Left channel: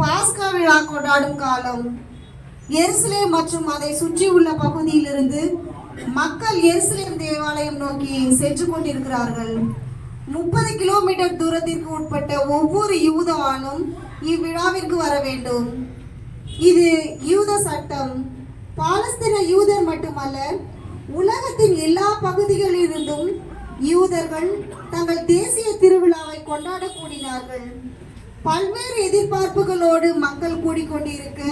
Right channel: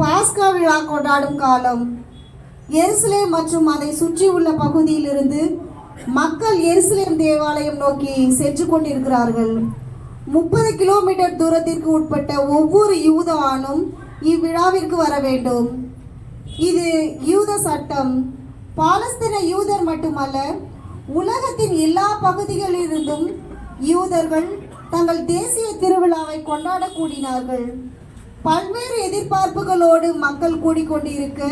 பாஸ்கா விழா கொண்டாடும் காலம். எருசலேம் மற்றும் அதை சுற்றியுள்ள பகுதியிலிருந்து மக்கள் எருசலேம் தேவாலயம் நோக்கி சென்று கொண்டிருக்கிறார்கள். 30 கிலோமீட்டர் தூரத்திற்கு உட்பட்ட ஒவ்வொரு யூத ஆணும் இவ்விழாவிற்கு வர வேண்டும். இது யூத சட்டம். பாலஸ்தீன யூதர் மட்டுமல்ல, உலகத்தின் எல்லா பகுதிகளிலிருந்தும் யூதர்கள் தங்கள் தேசிய திருவிழாவை கொண்டாட கூடினார்கள். பல்வேறு எதிர்பார்ப்புகளோடு மக்கள் கூடிக்கொண்டிருக்க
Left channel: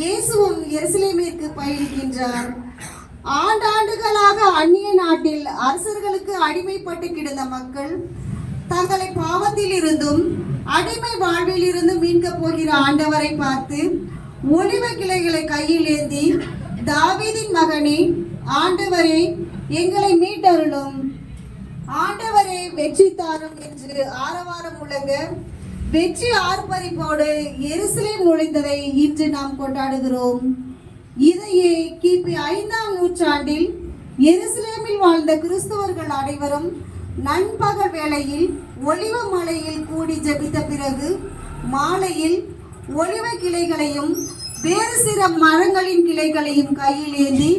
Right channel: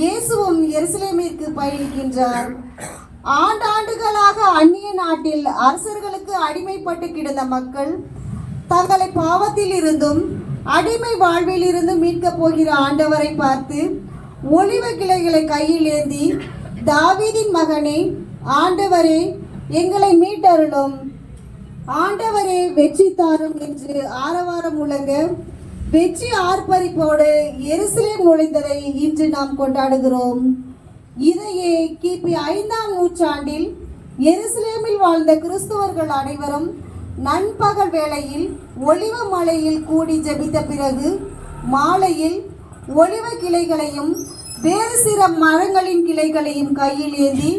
இயேசுவும் எருசலேமிற்கு பயணிக்கின்றார். ஆண்டாண்டுகளாக அந்நிய நாட்டில் அரசர்களுக்கு அடிமைப்பட்டு கிடந்த மக்கள் தங்களை பாவத்தில் இருந்தும் அடிமை வாழ்வில் இருந்தும் மீட்க போகிற ஆண்டவரை பார்த்து ஒலிவ கிளைகளை கையில் ஏந்தி, தாவீதின் மகனே, ஆண்டவரே, எங்களை மீட்டருளும், ஆண்டவரே வெற்றி தாரும் என்று ஆரவாரம் முழங்க வெற்றி ஆர்ப்பரிப்போடு எருசலேம் நுழைந்ததை இன்று நாம் கொண்டாடுகிறோம். இதையே கிபி 5ஆம் நூற்றாண்டில் எருசலேமில் வாழ்ந்த கிறிஸ்தவர்கள் அனைவரும் நண்பகல் வேளையில் ஒலிவ மலையில் கூடி ஜெபித்த பிறகு மாலையில் ஒலிவ கிளைகளையும் வேறு சில மரங்களின் கிளைகளையும் கையில் ஏந்தி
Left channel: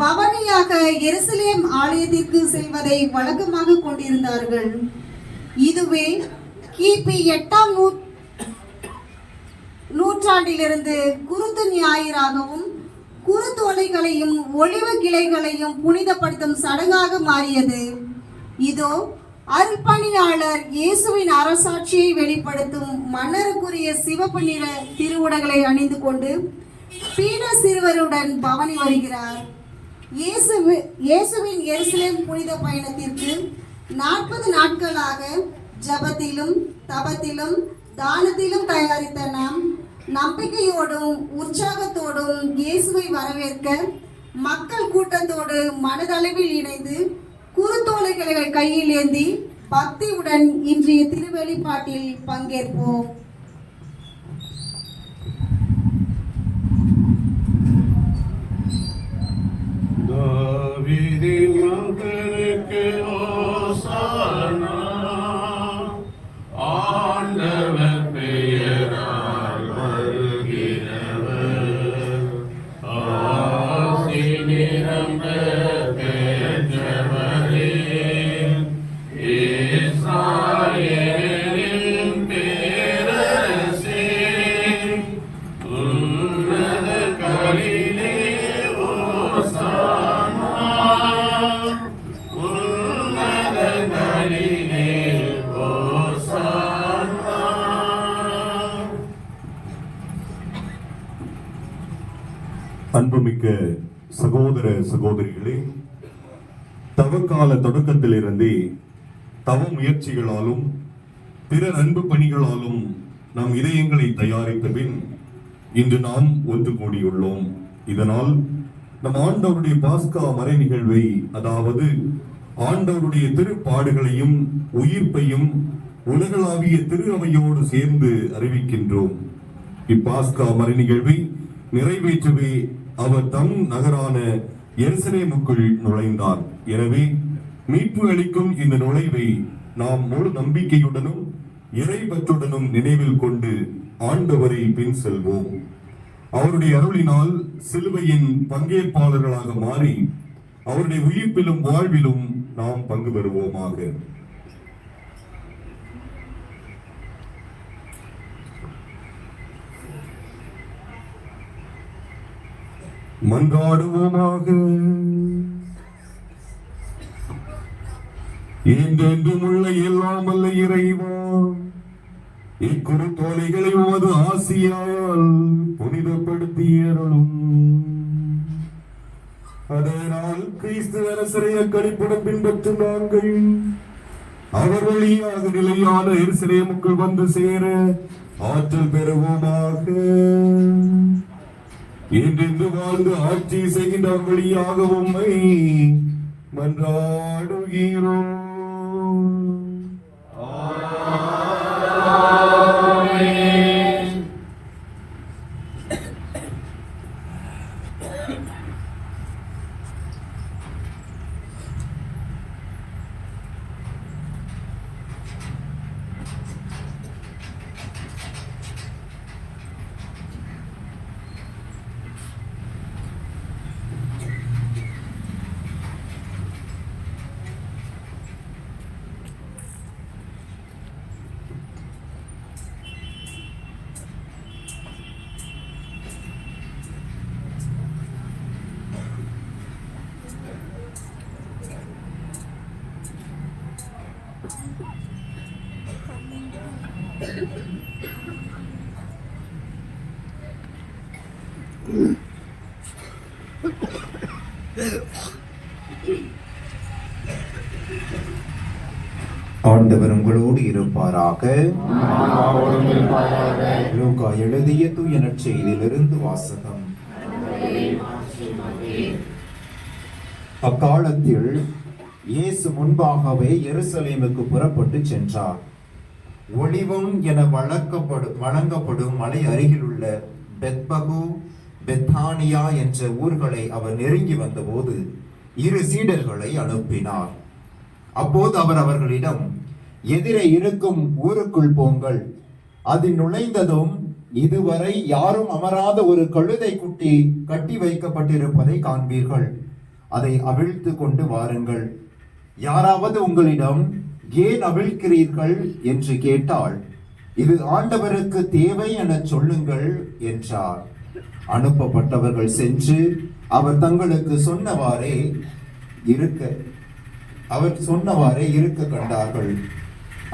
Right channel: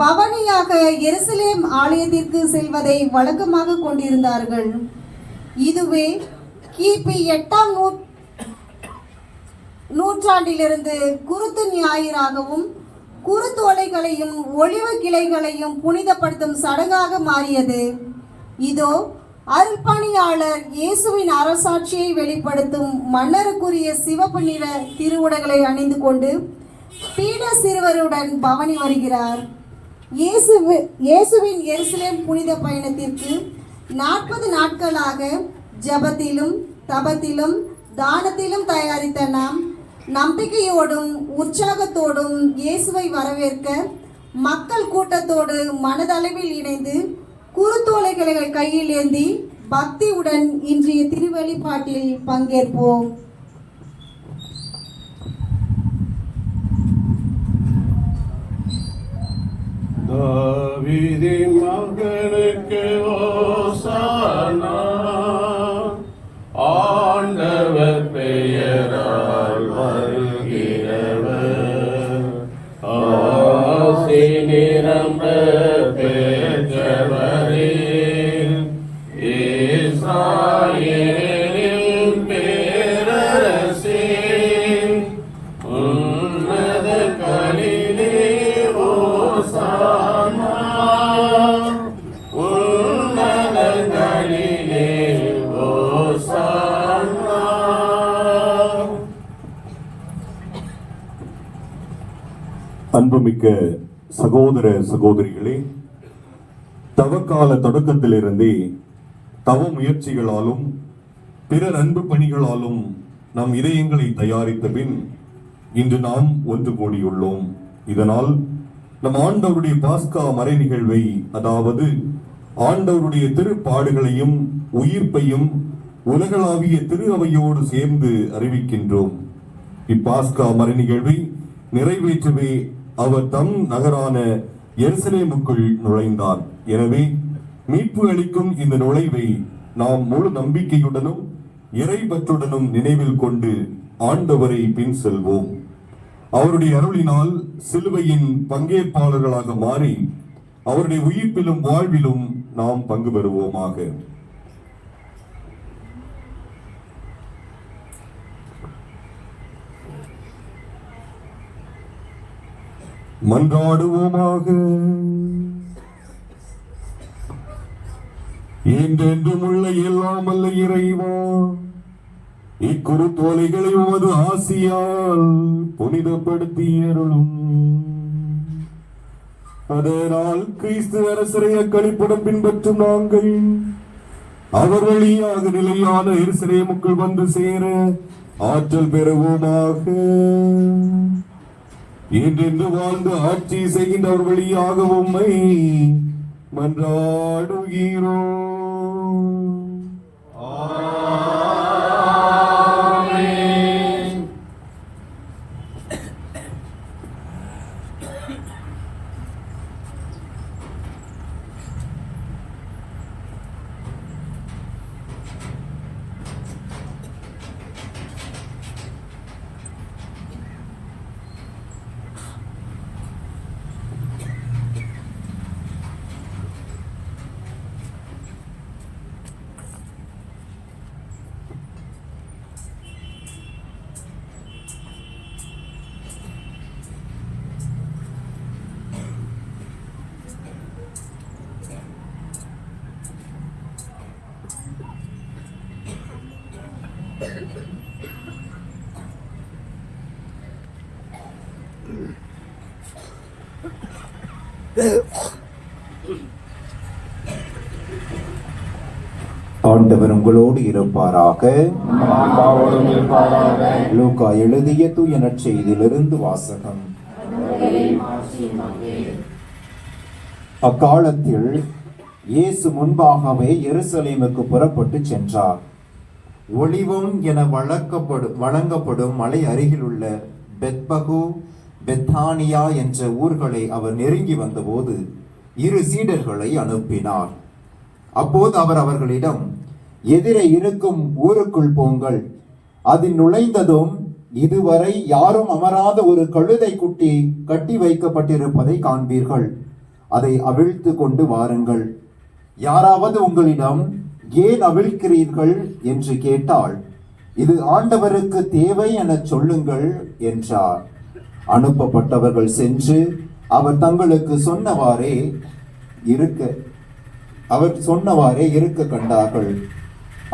பவனியாக எருசலேம் ஆலயத்திற்கு செல்வதை வழக்கமாக கொண்டிருந்தார்கள். இதுவே கிபி 8ஆம் நூற்றாண்டிலிருந்து குருத்து ஞாயிறாகவும் குருத்தோலைகளையும் ஒலிவ கிளைகளையும் புனிதப்படுத்தும் சடங்காக மாறியது. இதோ அர்ப்பணியாளர் இயேசுவின் அரசாட்சியை வெளிப்படுத்தும் மன்னருக்குரிய சிவப்பு நிற திருவுடைகளை அணிந்து கொண்டு பீட சிறுவருடன் பவனி வருகிறார். இயேசுவின் எருசலேம் புனித பயணத்திற்கு 40 நாட்களாக ஜபத்திலும் தபத்திலும் தானத்திலும் தயாரித்த நாம் நம்பிக்கையோடும் உற்சாகத்தோடும் இயேசுவை வரவேற்க மக்கள் கூட்டத்தோடு மனதளவில் இணைந்து குருத்தோலைகளை கையில் ஏந்தி பக்தியுடன் இன்றைய திருவெளிப்பாட்டில் பங்கேற்போம். தாவீதின் மகனுக்கு ஓசானா, ஆண்டவர் பெயரால் வருகிறவர், ஆசி நிரம்ப பெற்றவரே, இஸ்ராயேலின் பேரரசே, உன்னத கலிலே ஓசானா, உன்னத கலிலே ஓசானா. அன்புமிக்க சகோதர சகோதரிகளே, தவக்கால தொடக்கத்திலிருந்தே தவ முயற்சிகளாலும் பிறர் அன்பு பணிகளாலும் நம் இதயங்களை தயாரித்த பின் இன்று நாம் ஒன்று கூடியுள்ளோம். இதனால் நம் ஆண்டவருடைய பாஸ்கா மறை நிகழ்வை, அதாவது ஆண்டவருடைய திருப்பாடுகளையும் உயிர்ப்பையும் உலகளாவிய திரு அவையோடு சேர்ந்து அறிவிக்கின்றோம். இப்பாஸ்கா மறை நிகழ்வை நிறைவேற்றவே அவர் தம் நகரான எருசலேமுக்குள் நுழைந்தார். எனவே மீட்பு அளிக்கும் இந்த நுழைவை நாம் முழு நம்பிக்கையுடனும் இறைபற்றுடனும் நினைவில் கொண்டு ஆண்டவரை பின் செல்வோம். அவருடைய அருளினால் சிலுவையின் பங்கேற்பாளர்களாக மாறி அவருடைய உயிர்ப்பிலும் வாழ்விலும் நாம் பங்கு பெறுவோமாக. மன்றாடுவோமாக. என்றென்றும் உள்ள எல்லாம் வல்ல இறைவா, இக்குருத்தோலைகளை உமது ஆசியால் புனிதப்படுத்தி அருளும். அதனால் கிறிஸ்து அரசரை அக்களிப்புடன் பின்பற்றும் நாங்கள் அவர் வழியாக நிலையான எருசலேமுக்குள் வந்து சேர ஆற்றல் பெறுவோமாக. என்றென்று வாழ்ந்து ஆட்சி செய்கின்றவர் வழியாக உம்மை மன்றாடுகிறோம். ஆண்டவர் உங்களோடு இருப்பாராக. லூக்கா எழுதிய தூய நற்செய்தியிலிருந்து வாசகம். அக்காலத்தில் இயேசு முன்பாகவே எருசலேமுக்கு புறப்பட்டு சென்றார். ஒலிவம் என வழங்கப்படும் மலை அருகிலுள்ள பெத்பகு, பெத்தானியா என்ற ஊர்களை அவர் நெருங்கி வந்தபோது 2 சீடர்களை அனுப்பினார். அப்போது அவர் அவர்களிடம், எதிரே இருக்கும் ஊருக்குள் போங்கள். அதில் நுழைந்ததும் இதுவரை யாரும் அமராத ஒரு கழுதை குட்டி கட்டி வைக்கப்பட்டிருப்பதை காண்பீர்கள். அதை அவிழ்த்து கொண்டு வாருங்கள். யாராவது உங்களிடம் ஏன் அவிழ்க்கிறீர்கள் என்று கேட்டால், இது ஆண்டவருக்கு தேவை என சொல்லுங்கள் என்றார். அனுப்பப்பட்டவர்கள் சென்று அவர் தங்களுக்கு சொன்னவாறே இருக்க கண்டார்கள்.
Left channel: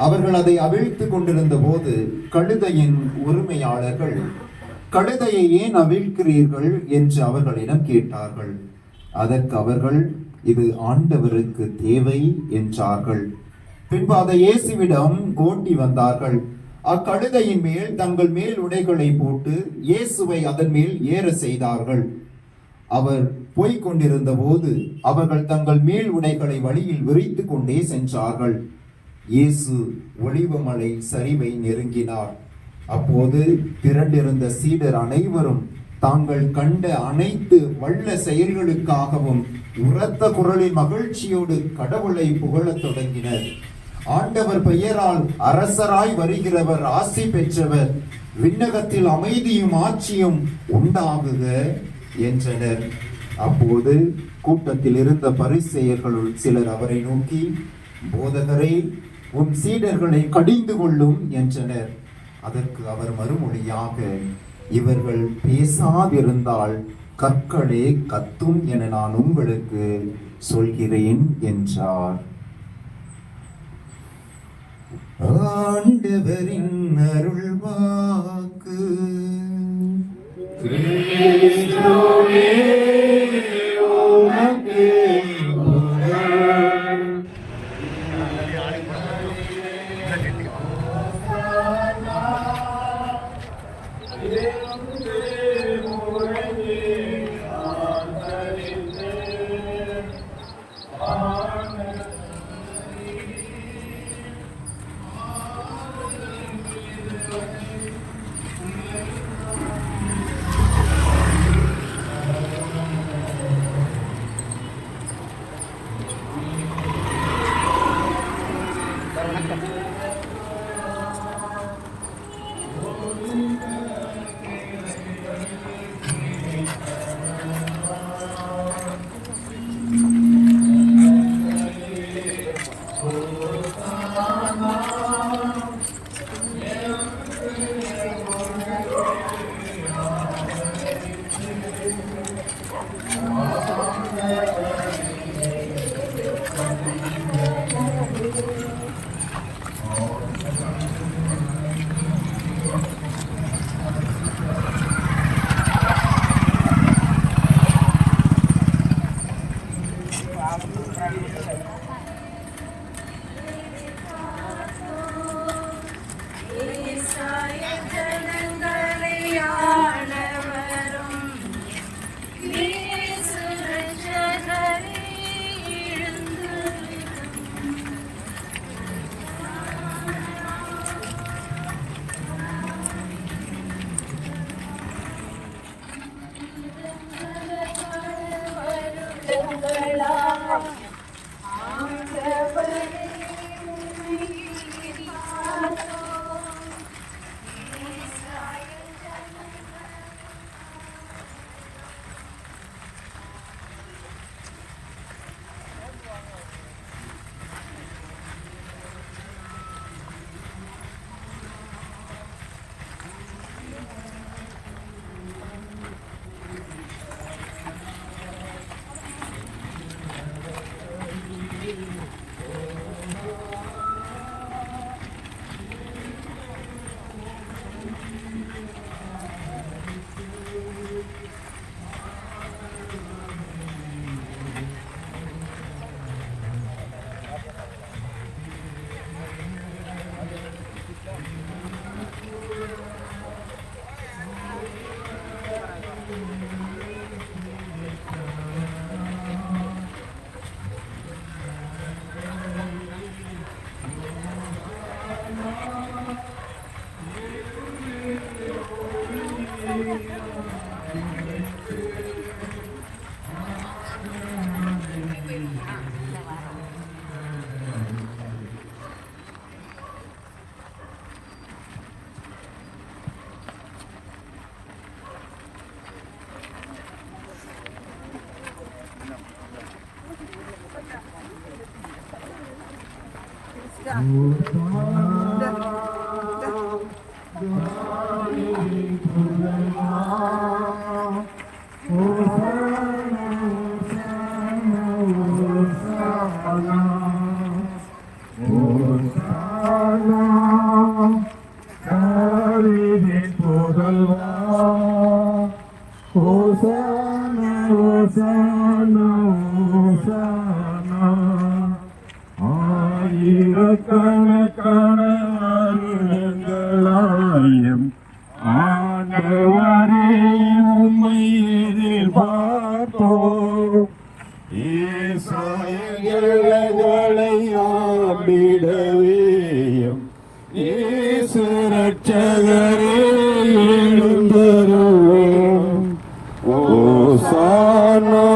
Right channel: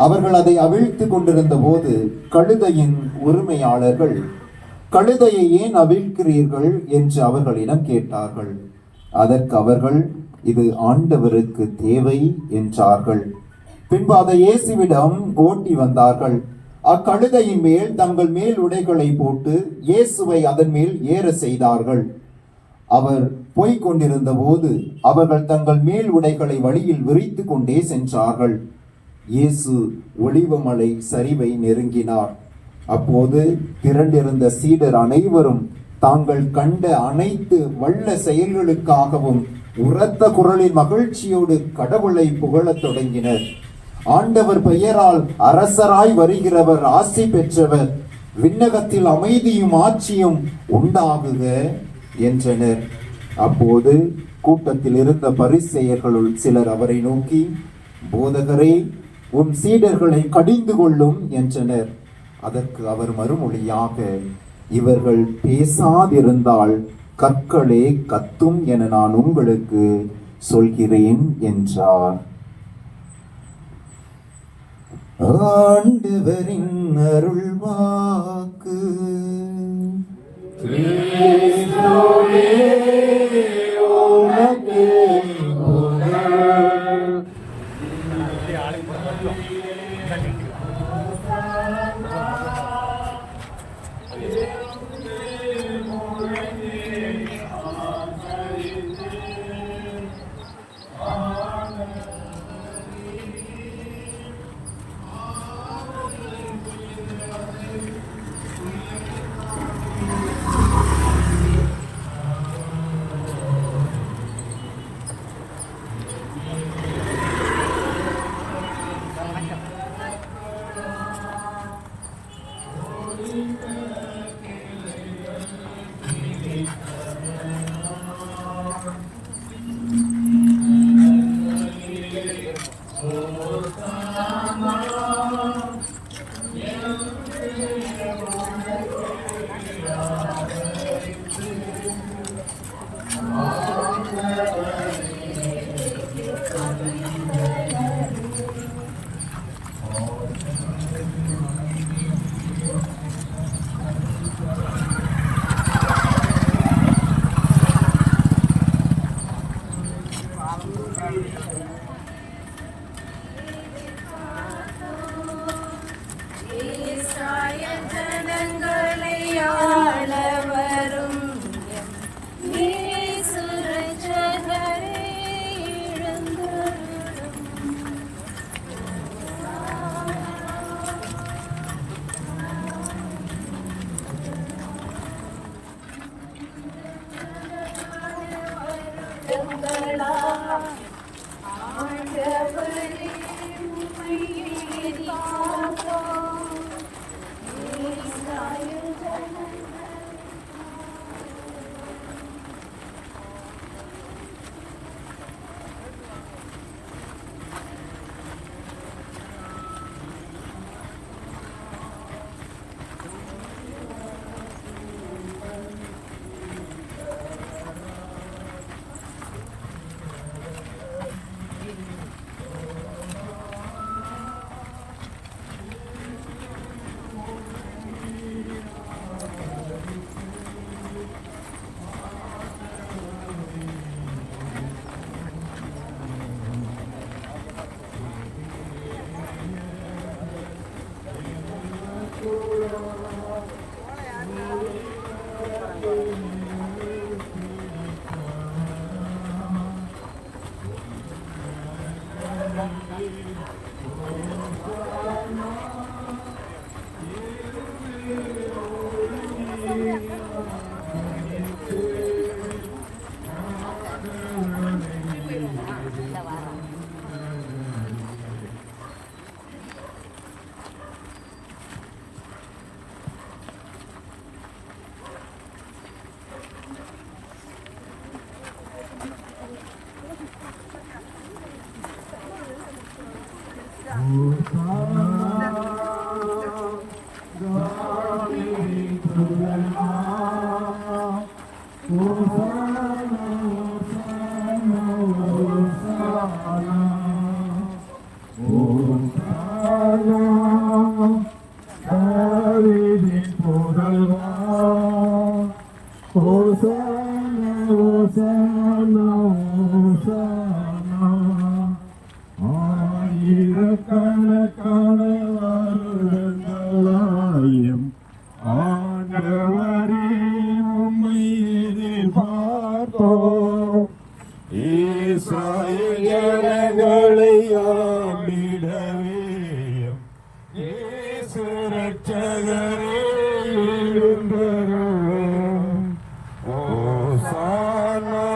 அவர்கள் அதை அவிழ்த்து கொண்டிருந்த போது கழுதையின் உரிமையாளர்கள், கழுதையை ஏன் அவிழ்க்கிறீர்கள் என்று அவர்களிடம் கேட்டார்கள். அதற்கு அவர்கள், இது ஆண்டவருக்கு தேவை என்றார்கள். பின்பு அதை இயேசுவிடம் ஓட்டி வந்தார்கள். அக்கழுதையின் மேல் தங்கள் மேல் உடைகளை போட்டு இயேசுவை அதன் மேல் ஏற செய்தார்கள். அவர் போய்க் கொண்டிருந்த போது அவர்கள் தங்கள் மேல் உடைகளை வழியில் விரித்து கொண்டே சென்றார்கள். இயேசு ஒலிவமலை சரிவை நெருங்கினார். அப்போது திரண்டிருந்த சீடர் அனைவரும் தாங்கள் கண்ட அனைத்து வல்ல செயல்களுக்காகவும் உரத்த குரலின் மகிழ்ச்சியோடு கடவுளை புகழத் தொடங்கினர். ஆண்டவர் பெயரால் அரசராய் வருகிறவர் ஆசி பெற்றவர், விண்ணகத்தில் அமைதியும் ஆட்சியும் உண்டாகுக என்றனர். அப்போது கூட்டத்தில் இருந்த பரிசேயர்களுள் சிலர் அவரை நோக்கி, போதகரே, உம் சீடர்களை கடிந்து கொள்ளும் என்றனர். அதற்கு அவர் மறுமொழியாக, இவர்கள் பேசாதிருந்தால் கற்களே கத்தும் என நான் உங்களுக்கு சொல்கிறேன் என்றார். ஆண்டவரின் அருள்வாக்கு. ஆயிரக்கணக்கான வருடங்களாயும் ஆண்டவரே உம்மை எதிர்பார்த்தோம். இஸ்ராயேலர்களை ஆண்டிடவேயும் இயேசு இரட்சகரே எழுந்தருளும். ஓசானா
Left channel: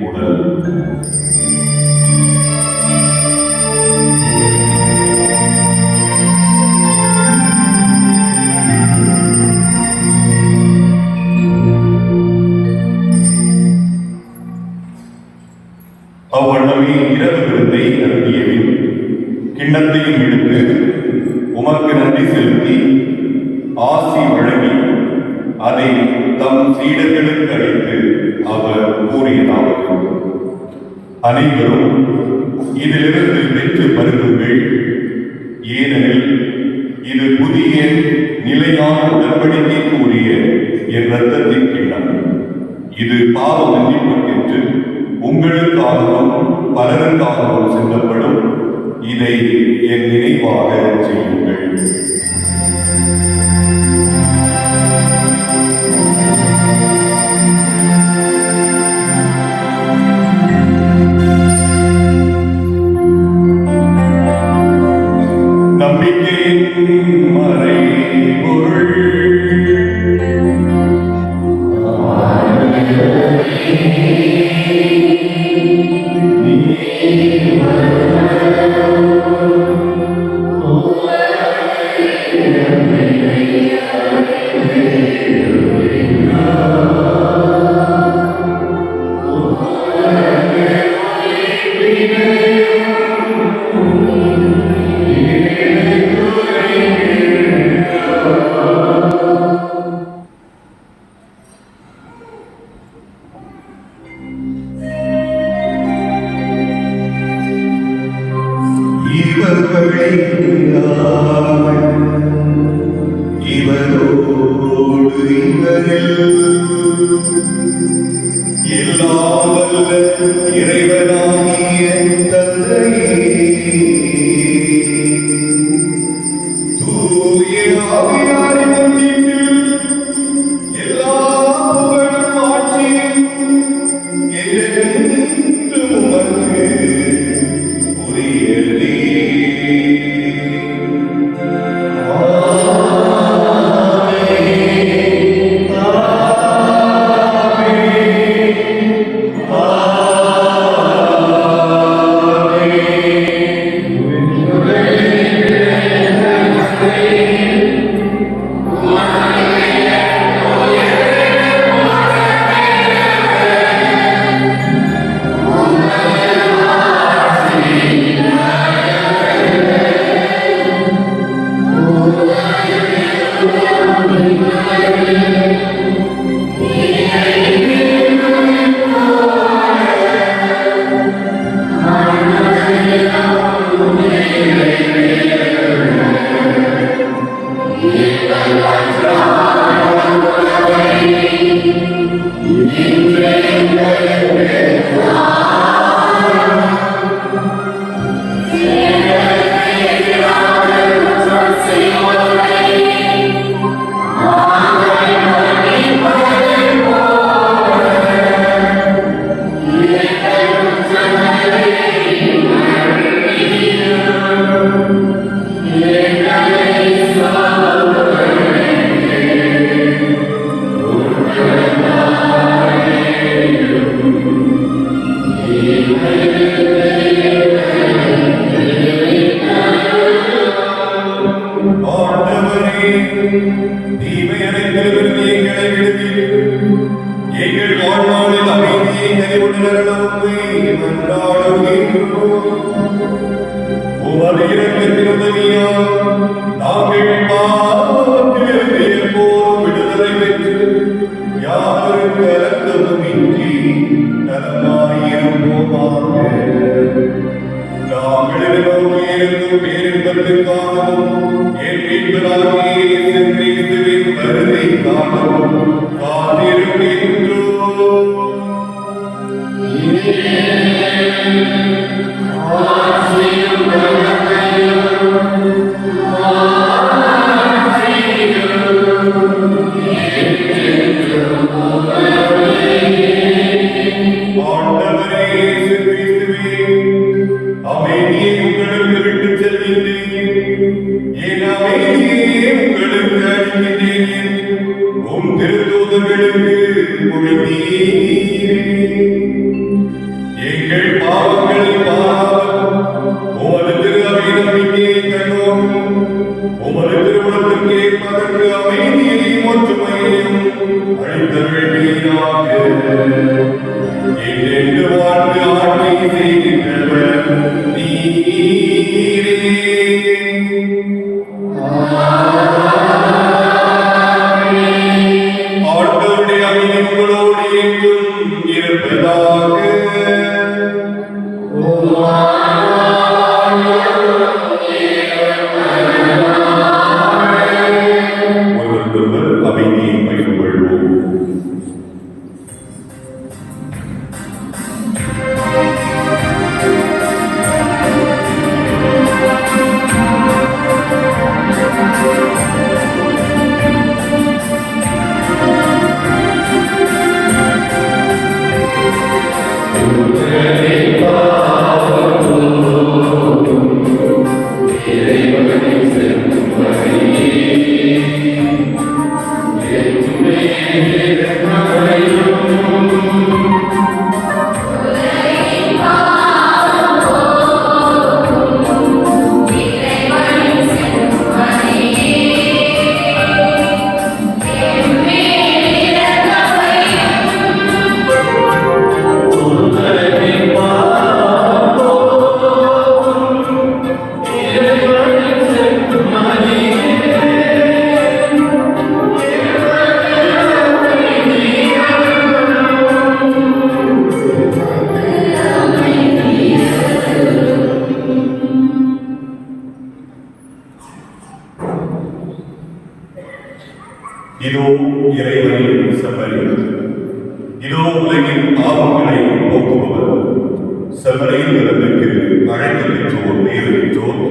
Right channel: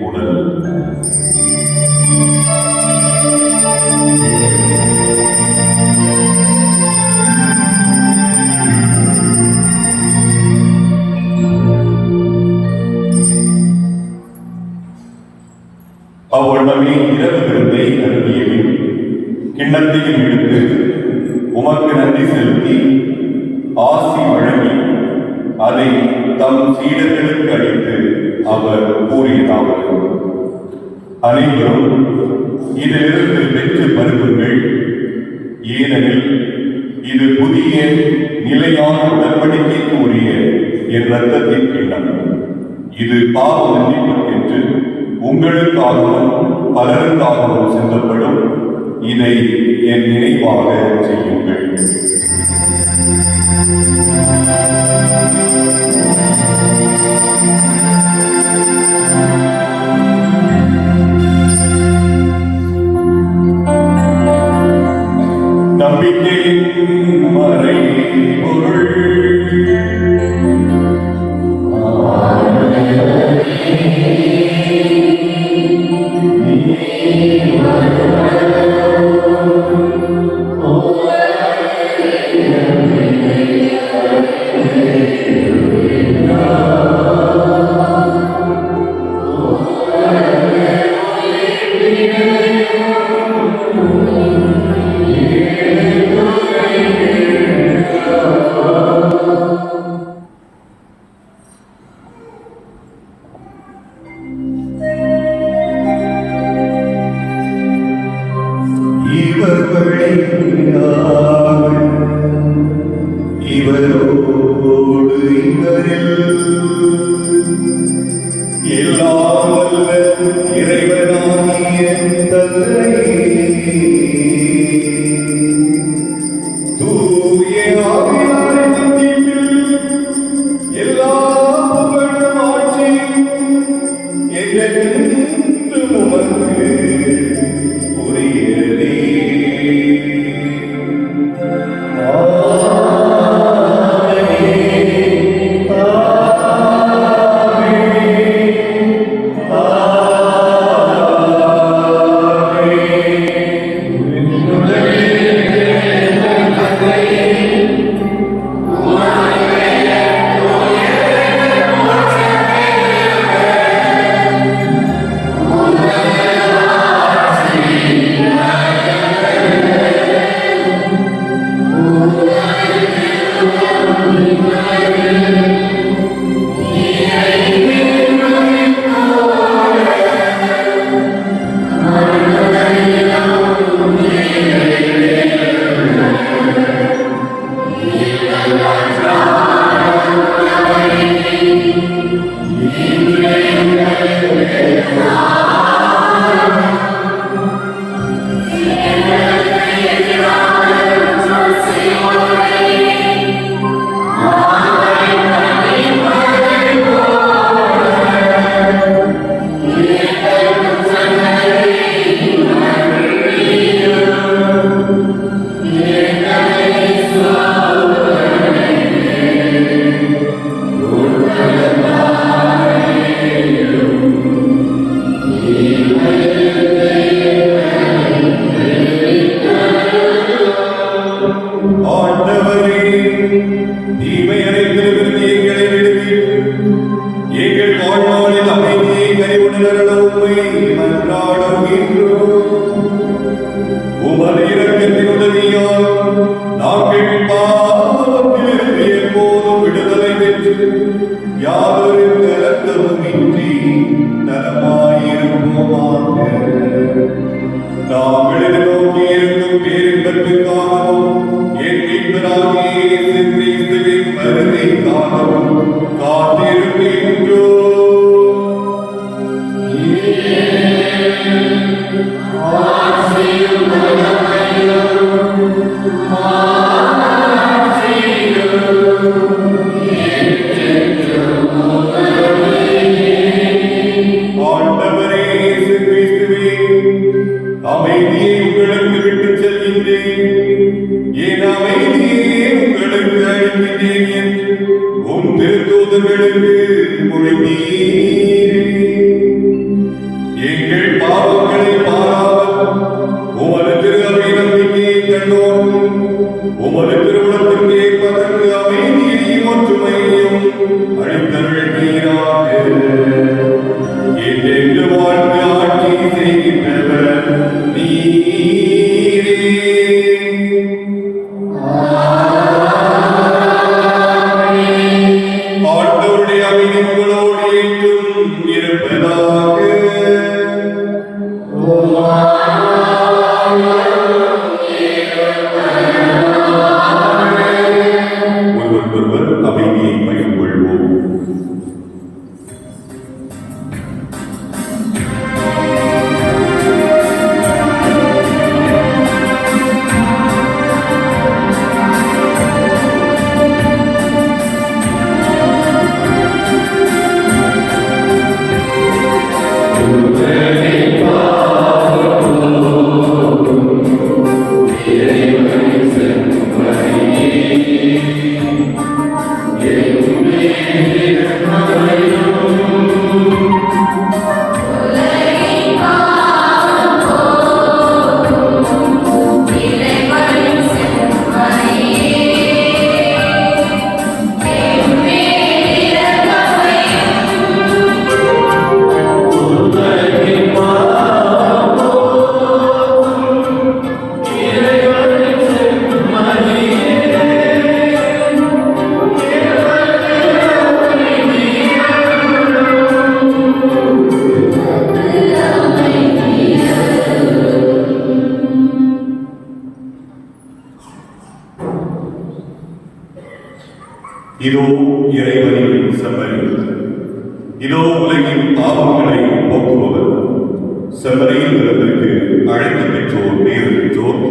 உடல் உமக்கு நன்றி செலுத்தி ஆசி வழங்கி அதை தம் சீடர்களுக்கு அளித்து அவர் கூறியதாவது: அனைவரும் இதிலிருந்து பெற்று பருகுங்கள், ஏனெனில் இது புதிய நிலையான உடன்படிக்கைக்குரிய என் இரத்தத்தின் கிண்ணம். இது பாவ மன்னிப்புக்கென்று உங்களுக்காகவும் பலருக்காகவும் சிந்தப்படும். இதை என் நினைவாக செய்யுங்கள். நீரே ஆண்டவருடைய அருள் எங்கும் இருப்பதாக. ஒருவருக்கொருவர் அமைதியை பகிர்ந்து கொள்வோம். இதோ இறைவனின் செம்மறிகள், இதோ உலகின் பாவங்களை போக்குபவர். செம்மறியின் நிலத்திற்கு அழைத்து பெற்றோர் பேறு பெற்றோர்.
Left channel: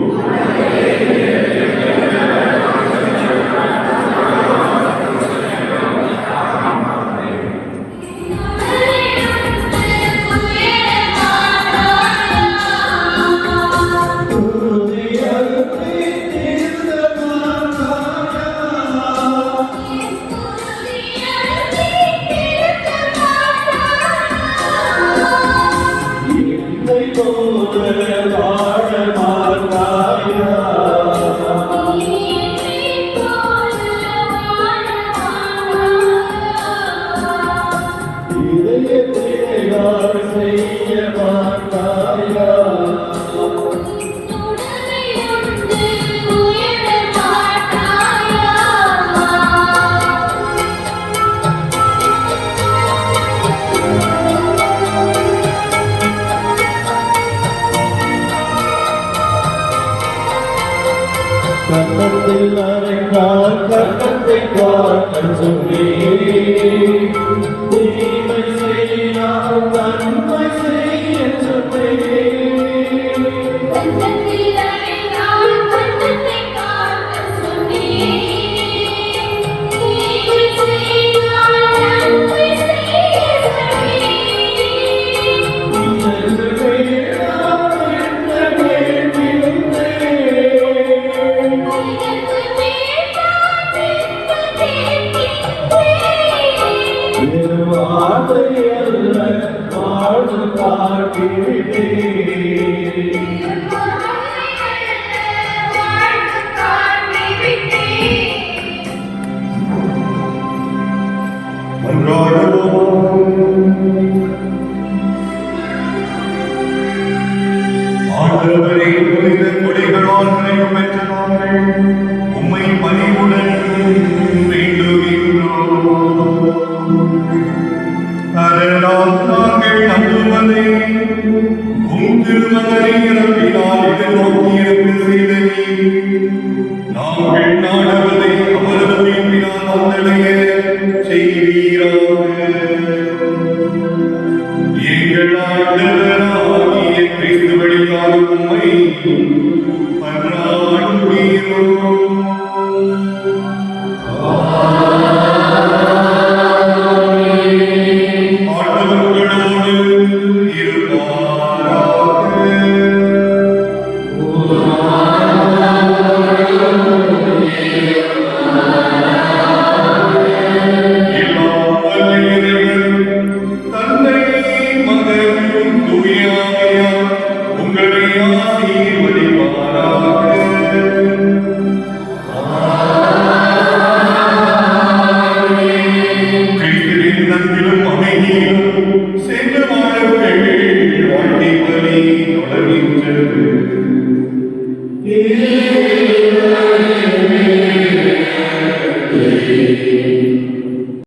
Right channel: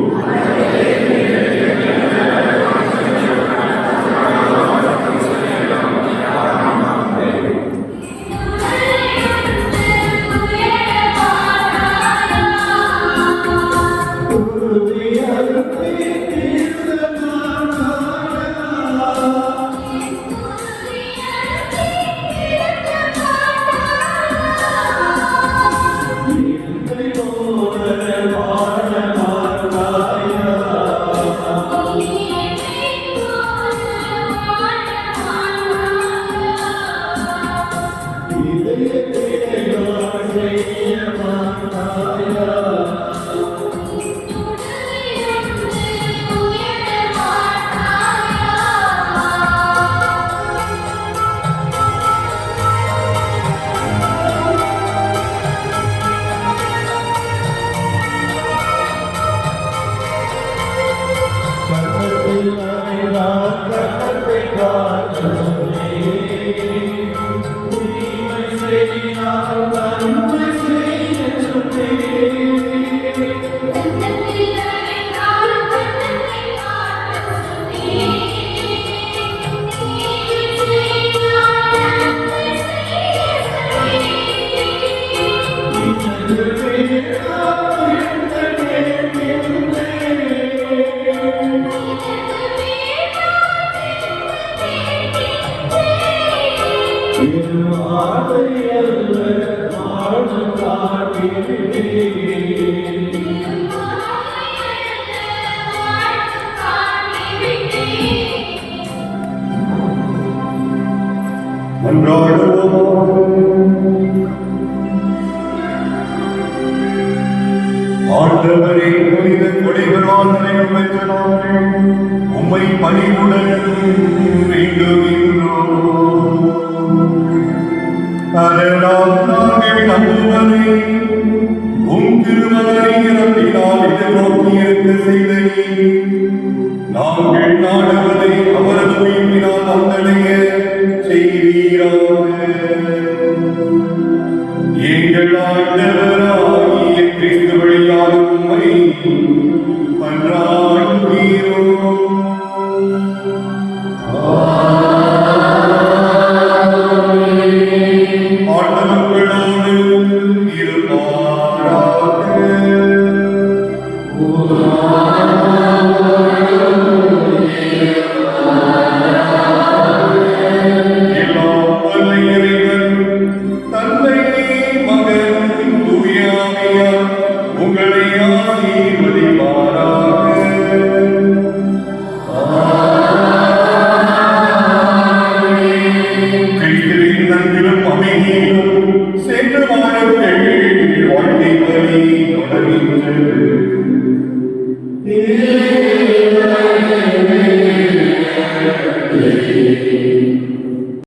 ஆண்டவரே, புனித கொடைகளால் பெற்றவரே, உம்மை பணிவுடன் வேண்டுகின்றோம். அதனால் நாங்கள் நம்புவதை உம் திருவாரியினால் எதிர்நோக்கியிருக்க செய்தீர். நாங்கள் நாடுவதை அவரது உயிர்ப்பினால் வந்தடைய செய்வீராக. எங்கள் ஆண்டவராகிய கிறிஸ்து வழியாக உம்மை மன்றாடுகிறோம். தந்தை, மகன், தூய